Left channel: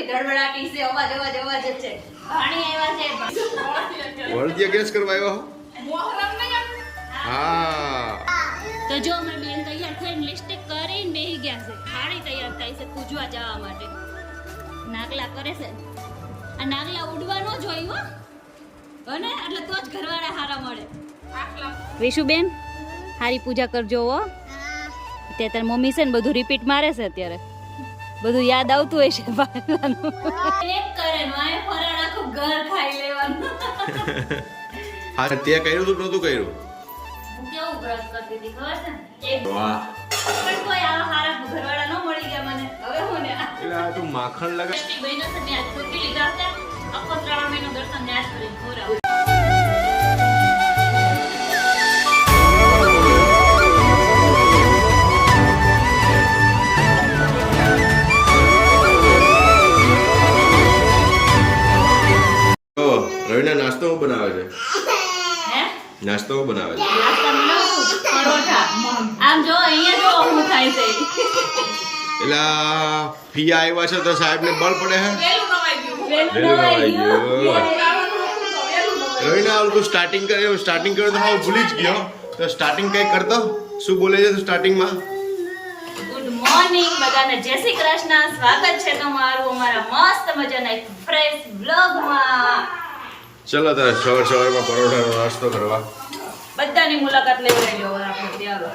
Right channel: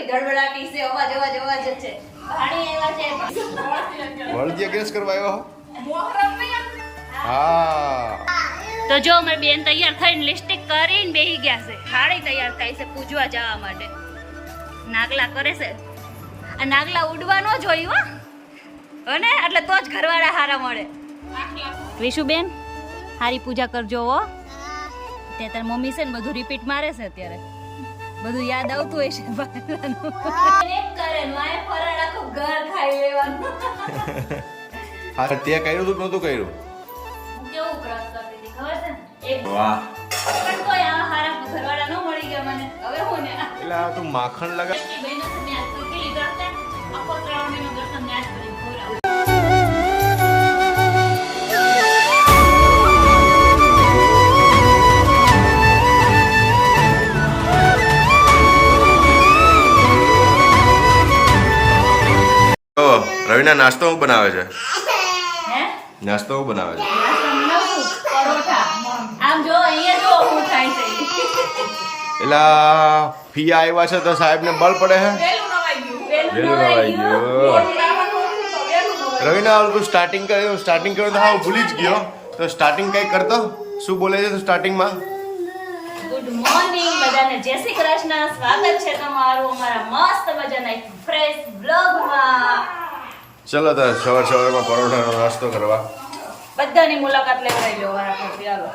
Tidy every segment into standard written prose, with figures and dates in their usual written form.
નકરી ધડબડાટી છે, અવાજ જ છે. ભાણી આવ્યા છે. વળદિયા ગેસ કરવા આવ્યા હો? હા. તો જો અમારી બેન તૈયાર થઈને લિપસ્ટિક કરીને બેહી ગયા છે. થાળી તૈયાર થાય છે પૂજવા જવા માટે. નાગલા કરે છે. આ નાગલા ઉડવા ન જોયું હો ને, એટલે તો જ ઘરવાળા હારા મળે. વિશુબેન હારી પૂજા કરજો હો. અત્યારે તારી મમ્મી છે ને બધું રિપીટ મારે છે, અત્યારે બધું યાદ આવતું હોય છે. હા, તે કર્યું હતું નહોતું કર્યું? કેવું વ્રત કરતી હતી ખબર છે ને? વાહ. પણ કોઈ આવા હારા ઘરવાળા ન મળી ગયા મને. હવે હું ને એટલે આ તું માખણ લગા. બહેનો છે ને આજ ચૂકી લીધા છે. આખો 3 મહિનો દર્શન ને આજ કરી ખોરાવ. રવિના નાસ્તો શું બનાવે છે? હે નાસ્તો શું બનાવે છે? નાસ્તો મિલાવું પરોઠા. આમ જો અહીંયા જો હું થાય છે. એટલે ફિયા આવ્યા છે તો સાહેબ ને બળ પડે છે. વેલું નવાઈ ગયું. રવિના તું સ્ટાર્ટિંગ કર્યું તો હા ભૂલી જ ગયો. તો સ્ટાર્ટિંગ કઈ કરતો શું બોલે છે સ્ટાર્ટિંગમાં? ગુડ મોર્નિંગ બધાને, જય શ્રી કૃષ્ણ. સ્વાગત છે તમારું અમારા મસ્ત મજાના એક ફ્રેશ બ્લોગમાં. ચલો તો સવારમાં પરોઠાનો નાસ્તો કરવા બધાની મુલાકાત લેવાઈ લો વારાફરતી. હાલો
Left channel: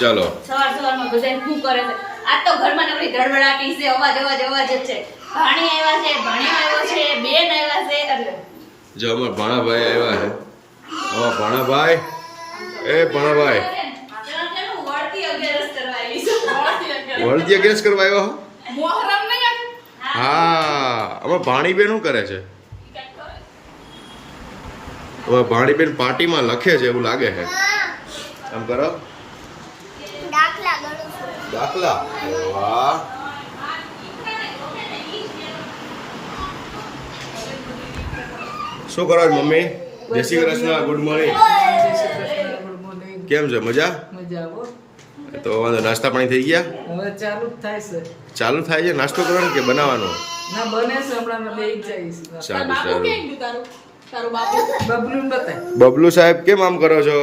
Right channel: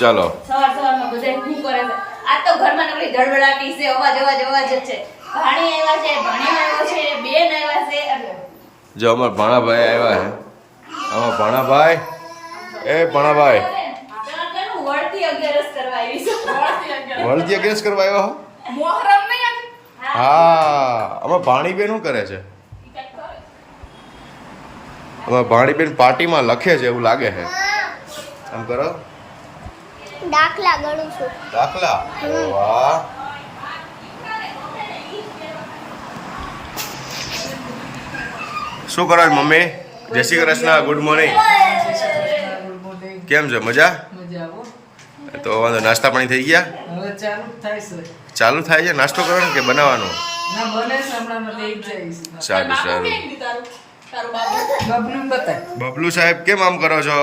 ચાલો. સવારમાં બધા શું કરે છે? આ તો ઘરમાં નકરી ધડબડાટી છે, અવાજ જ છે. ભાણી આવ્યા છે, ભણ્યો આવ્યો છે, બેન આવ્યા છે. જો અમારા ભાણાભાઈ આવ્યા છે. અમારા ભાણાભાઈ, એ ભાણાભાઈ વળદિયા ગેસ કરવા આવ્યા હો? હા. અમારા ભાણીબેન શું કરે છે? અમારા ભાણીબેન પાર્ટીમાં લખે છે એવું લાગે છે. આમ કરો. દાખલા ગણું છું. દાખલા? અરે વાહ. શું કરો છો મમ્મી? જય શ્રી કૃષ્ણ. Good morning. કેમ છે? મજા? તો વાંધો નાસ્તા પાણી થઈ ગયા? હવે ચાલુ જ થાય છે. ચાલુ થાય છે? નાસ્તો કરવાનો કે બનાવવાનો? ના બને છે, હમણાં લઈ જઈશ. સારું સારું. બબલું બતા. બબલુ સાહેબ કેમ આમ કરો છો?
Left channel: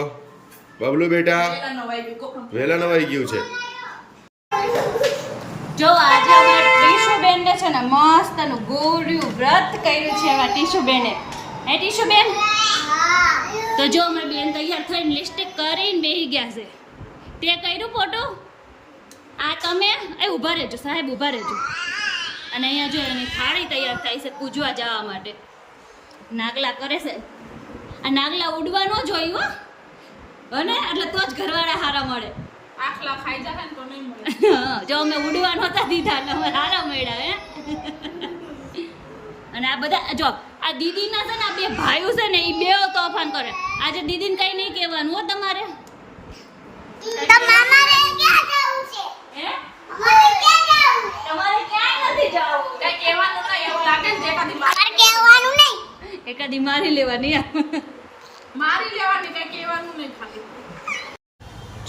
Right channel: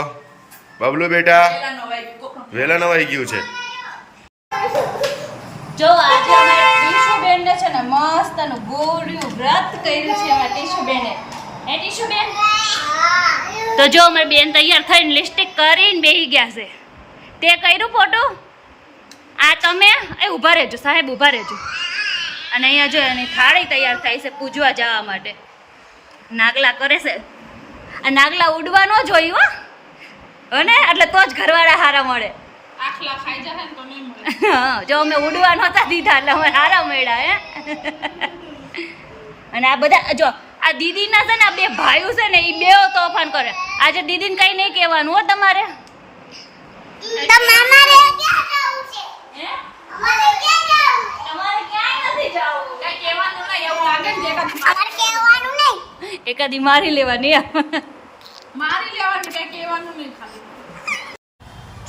બબલુ બેટા વેલા નવાઈ ગયું છે. જો આજે અમારે ટીશુબેન ને છે ને મસ્ત નું ગોળ્યું વ્રત કર્યું છે અમારા ટીશુબેને. હે ટીશુબેન? તો જો અમારી બેન તૈયાર થઈને લિપસ્ટિક કરીને બેહી ગયા છે. તે કર્યું ફોટો? આ તમે એ ઊભા રહેજો સાહેબ, ઊભા રહેજો. અને અહીંયા જો એની થાળી તૈયાર થાય છે પૂજવા જવા માટે. નાગલા કરે છે. આ નાગલા ઉડવા ન જોયું હો ને, એટલે તો જ ઘરવાળા હારા મળે. હા, જો અમે ઉડવા નહોતા દીધા એટલે અમે હારા મળ્યા. હે અને આ બધા જો આ દીદીના છે ને આ બે ભાઈઓ છે ને એ બે તોફાન કરે. આજે દીદીને કઈ નહીં કહેવાનું હો તમારે. એકાદી મારી લેવાની.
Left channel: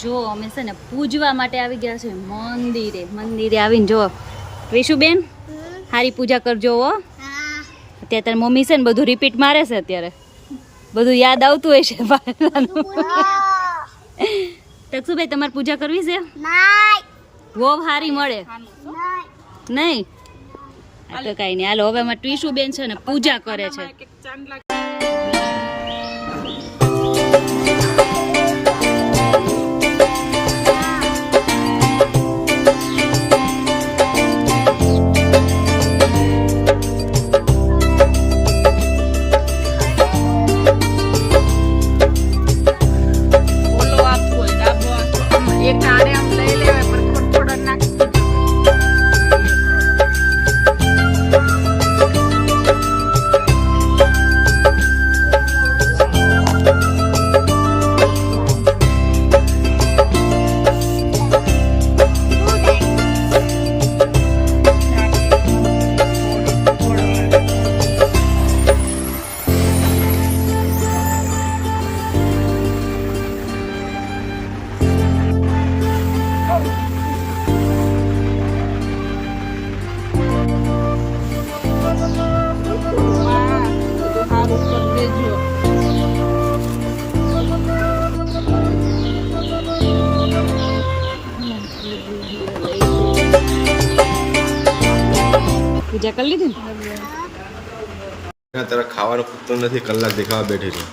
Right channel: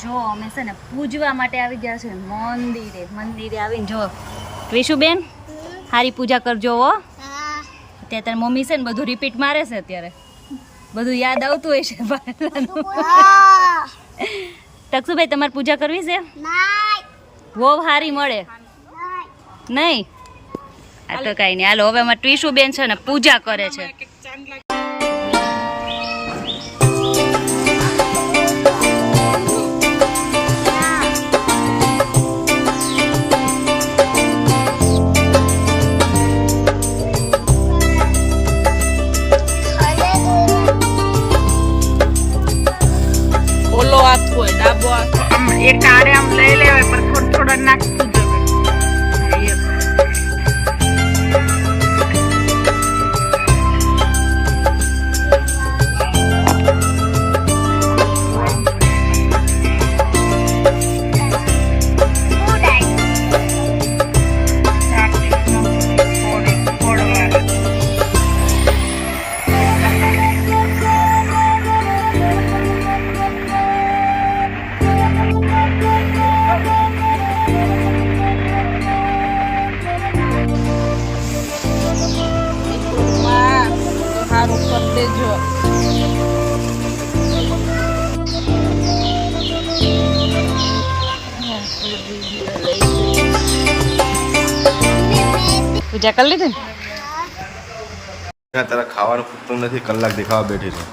જો અમે છે ને પૂજવા માટે આવી ગયા છે મંદિરે આવીને જો વિશુબેન હારી પૂજા કરજો હો. અત્યારે તારી મમ્મી છે ને બધું રિપીટ મારે છે, અત્યારે બધું યાદ આવતું હોય છે. તકસુભાઈ તમારે પૂજા કરવી છે? બહુ હારી મળે નહીં? આ તો કઈ નહીં. હાલો હવે અમારે ટીશુબેન છે ને પૂજા કરે છે. પૂજા કરી લીધી ને તારા ખાવાનું ખૂટતું નથી, કલાક દેખાવા બેઠી છે.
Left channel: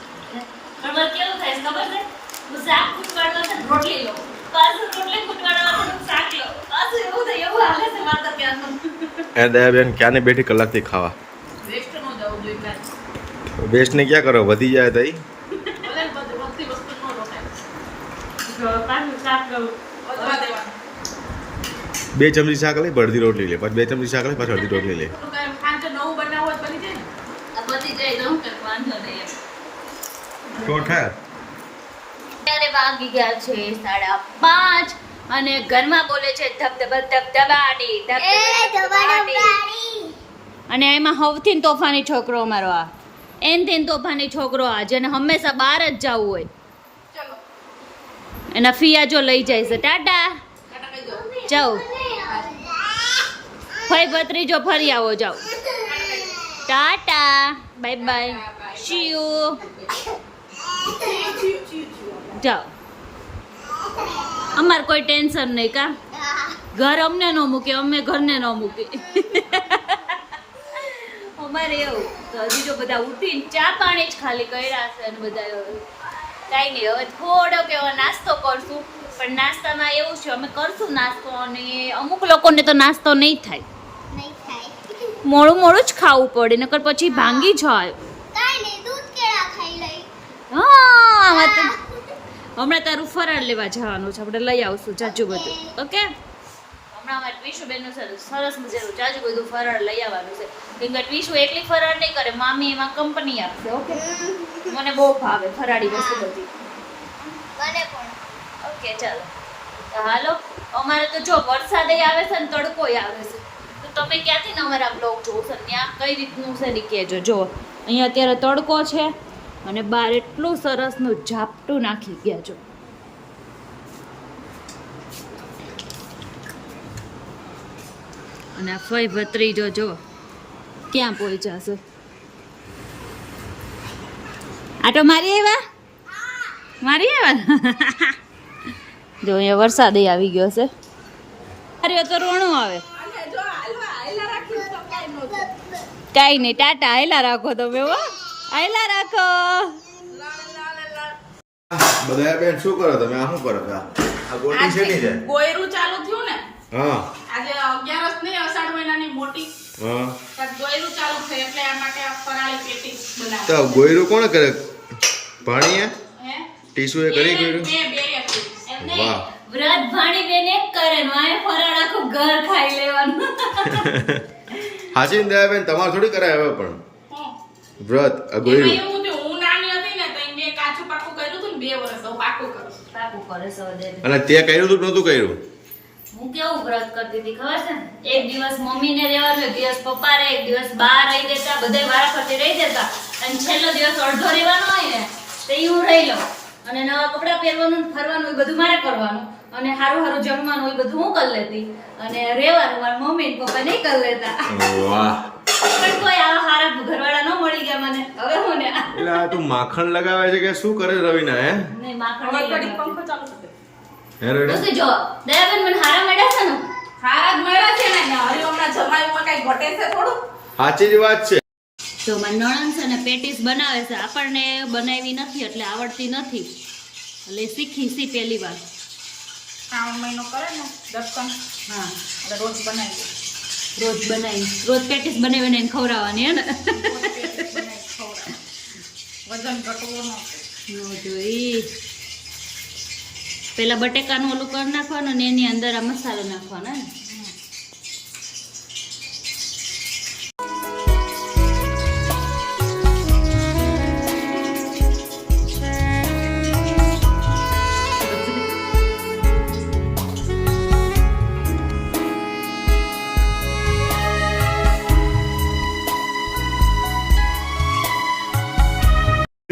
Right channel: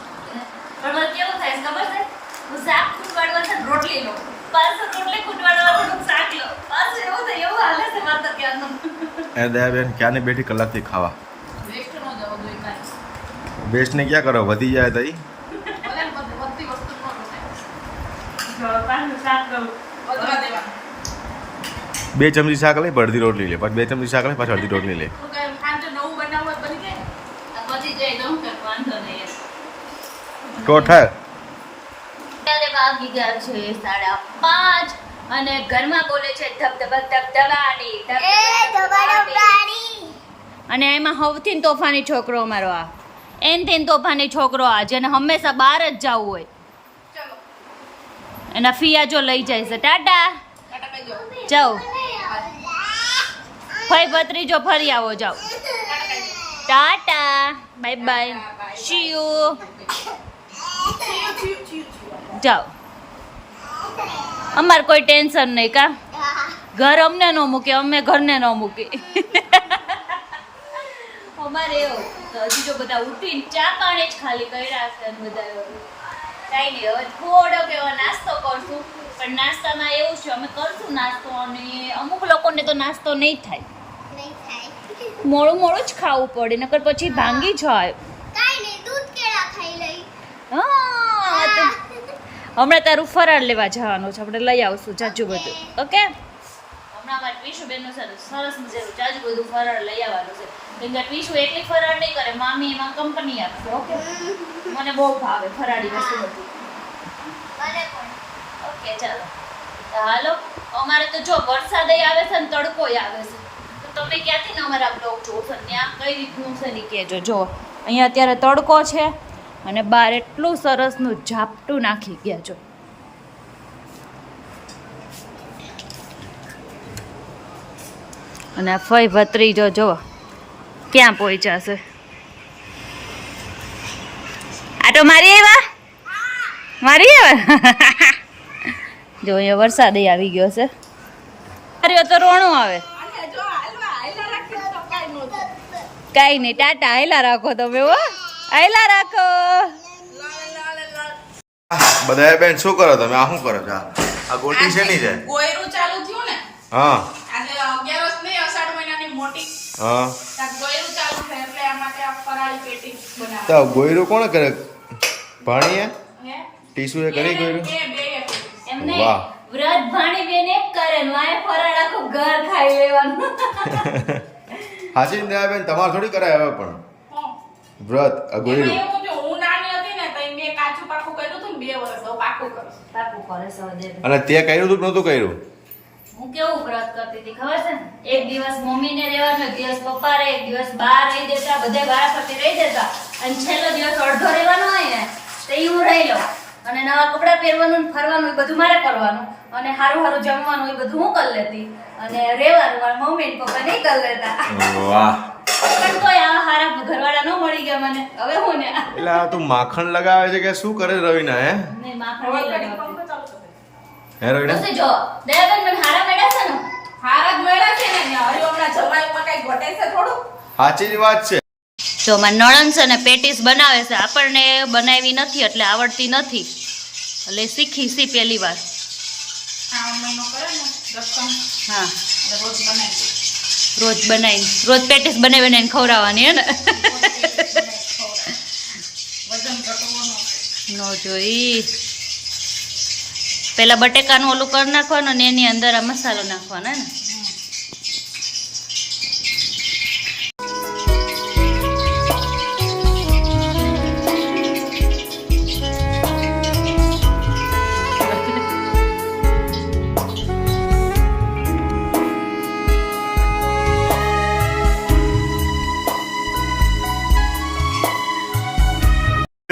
પણ કેવું થાય છે ખબર છે? હું શાક ખૂટવાડવા છે રોટલી લો, પાછું રોટલી ખૂટવાડવા થોડુંક શાક લો, પાછું એવું થાય એવું હાલે છે મારે તો ક્યાંનું. એ દયાબેન ક્યાંની બેઠી કલાકથી ખાવા? વેસ્ટ ન જવું જોઈએ કાંઈ. બેસ્ટ ને ક્યાં કરો, વધી જાય તો ઈ. ભલે ને બધી વસ્તુ ન રોકાય. જો પાછું શાક લઉં. વધવા દેવાનું. 2 ચમચી શાક લઈ, અડધી રોટલી લે, પાછી 2 ચમચી શાક લઈ, પાછી અડધી રોટલી લે. થોડુંક એમ ખાંડ નવું બનાવવું હોય તો બની જાય ને. આ બધી જાય તો હું કઈ વાંધો નહીં. તો થાય. અત્યારે વાગી ગયા છે 5:30 અને ઘરમાં બોલે છે ધબધબાટી ધબાડબાડી. અને એમાં સૌથી તોફાની છોકરો અમારો આ એનથી તોફાની છોકરો આ જેને હંમેશા બહાર જ જવું હોય. ચલો એના ફિયા જો લઈ જાય છે. ટાટા ટાટા કહી દો. જાઓ ફઈ ભત્રીજો ફરી આવો જાઓ. Tata bye bye see you જાઓ. અમાર કોઈ ટેન્શન નહીં કા ઘર અમને ન મૂકે અમે ઘરને ન મૂકી. અમારે એવું તો હજી જો બધા ઉઠીને ચા પાણી જ ખાલી કર્યા છે અને બધા કાંઈ નહીં હવે થોડોક એવો નાસ્તો કરશું પણ નાસ્તામાં એવું છે અમે કરશું નાસ્તો અને અમુક લોકોને તો નાસ્તો નહીં થાય નહીં થાય. મોડું મોડું જ ખાવું પડે નકર પછી ભાંગી જાય. કાંઈ નહીં, દૂધ કેળા ખાઈ લઈ. હા હમણાં તારું ફરાળ લેવા જવાનું છે આપણે લઈ આવશું જાજુ બધું. ઓકે હમણાં અમારે ટ્વીશુબેનનું સરસ મજાનું જાજુ બધું ફરાળ લઈ આવવાનું છે કેમ કે ટ્વીશુ એકલી ફરાળ નહીં કરે, મામી એમાં કંપની આપશે. ઓકે મને બહુ ભાવે ફરાળી વસ્તુ બધી. મને પણ. ઓકે ચાલો તો હાલો. અમારે તો જો વરસાદ આવે છે ને તડકોય આવે છે તો તમે ક્યાંથી ને અમારા બ્લોગ જોશો ત્યાં કઈ રીતનું છે ને કહેજો. જો અહીંયા અત્યારે તડકો છે અને બહાર એટલું સરસનું ઝાપટું નાખી ગયા છો. અને આ ફઈ ભત્રીજો જો ક્યાં પહોંચ્યા છે. આટો મારી આવ્યા મારી આવ્યા. જો અહીંયા વરસાદ આવી ગયો છે. અરે તો રોણું આવે. અને જો હાલવા હાયલા રાખીને તો કાંઈ ન થાય. કાંઈ નહીં ટાટા હાયલા રાખો તમે હો હાયલા રાખો. બધા બેન શું કરો તમે? આ શું કરો છો? આ ગોટી છે ની છે? ગોયરું ચાલુ થયું ને હા આજે 11 નહીં અષાઢ મહિનાની મોટી હા. કાંઈક ગોયરું ચાલુ થયું એટલે આ માટે આ ફરાળી પેટી તો બનાવવાની. ગોયરું કોણ કરે? ભાણીએ હે ટીસુ એ કરી ગોયરું? બે કરી. એમને વાહ. વ્રત ભાણી બેન એક કરે નો આ ફરાળ આખું ઘર ખાઈ લેવાનું. હાચી ને બેન તમારે થોડી કરાય હવે પણ હું વ્રત આ ગોયરું. એમાં એવું થયું, હું નાની હતી ને તો મેં કાચું પાકું કર્યું હતું ને 2 વર્ષ હવે પાકું કરું. કાકુ કરે છે હવે. અને તે કર્યું હતું કે નહોતું કર્યું? હું કેવું વ્રત કરતી હતી ખબર છે ને? એક દિવસ મમ્મીને રહેવાનું, એક દિવસ પપ્પા રહે, એક દિવસ બા રહી દેતા, બધા વારાફરતી રહી દેતા અને છેલ્લો દિવસ અડધો રહેવાનો હોય ને તો ઈ હું રહી લઉં અને નવા કપડાં પહેરવાનું ને ફરવાનું એ બધું મારે કરવાનું અને સારું સારું જમવાનું એ બધું હું કરી લેતી અને રહેવાનું મારા મમ્મી ને પપ્પા નહીં કરી લેતા. વાહ. પણ કોઈ આવા સારા ઘરવાળા ન મળી ગયા મને. હવે હું ને એટલે આ તું માખણ લગાવે છે કે શું કરે રવિના? હે નહીં માખણ હવે નહીં ઘડીક લગાવતી. પંખો ચાલુ થશે. હે રવિના? તો શું જો દયાબેન મને હારા મેળા છે ને હારા જ મળ્યા છે ને હરી હમણાં જમાઈમાં કઈ ઘટે છે થોડું. સાચી જ વાત છે. જો મારા નણંદ છે ને પેટીસ બનાવે છે, આપણને બનાવી નથી એટલે આવડતી નથી એટલે શીખી પહેલી વાર. શ્રાવણ મહિનો કરે ને દર્શન હા એટલે રોજ બનાવી રોજ પેટીસ બનાવીને ખવડાવવાની હે ને. વજન ઘટવો ન નો જોઈ પેલા બટેકાનું ઓલું કરી નાખવાનું ને એની અંદર આ મસાલો નાખવાનો હે ને.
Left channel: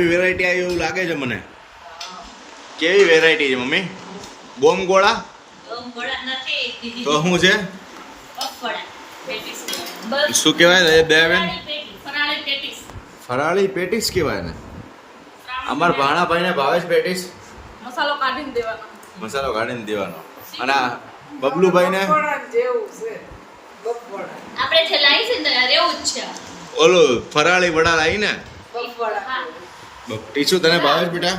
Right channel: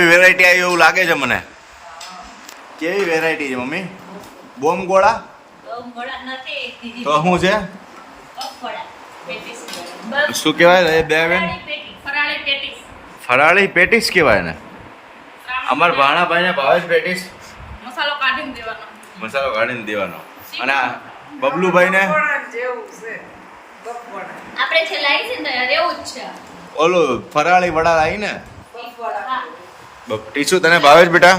વેરાયટી આવી એવું લાગે છે મને. કેવી વેરાયટી છે મમ્મી? બોમ્બ ગોળા તો શું છે? શું કહેવાય એ બે બેન? ફરાળી પેટીસ. ફરાળી પેટીસ કહેવાય ને. અમાર ભાણાભાઈને ભાવે છે પેટીસ. મસાલો કાઢીને દેવાનો. મસાલો કાઢીને દેવાનો. અને આ બબલુભાઈને થોડા જેવું છે આપણે જે લાવી છે ને યાર એવું જ છે. ઓલું ફરાળી વડા લાવી ને હા. ટીસુ તને ભાવે છે બેટા?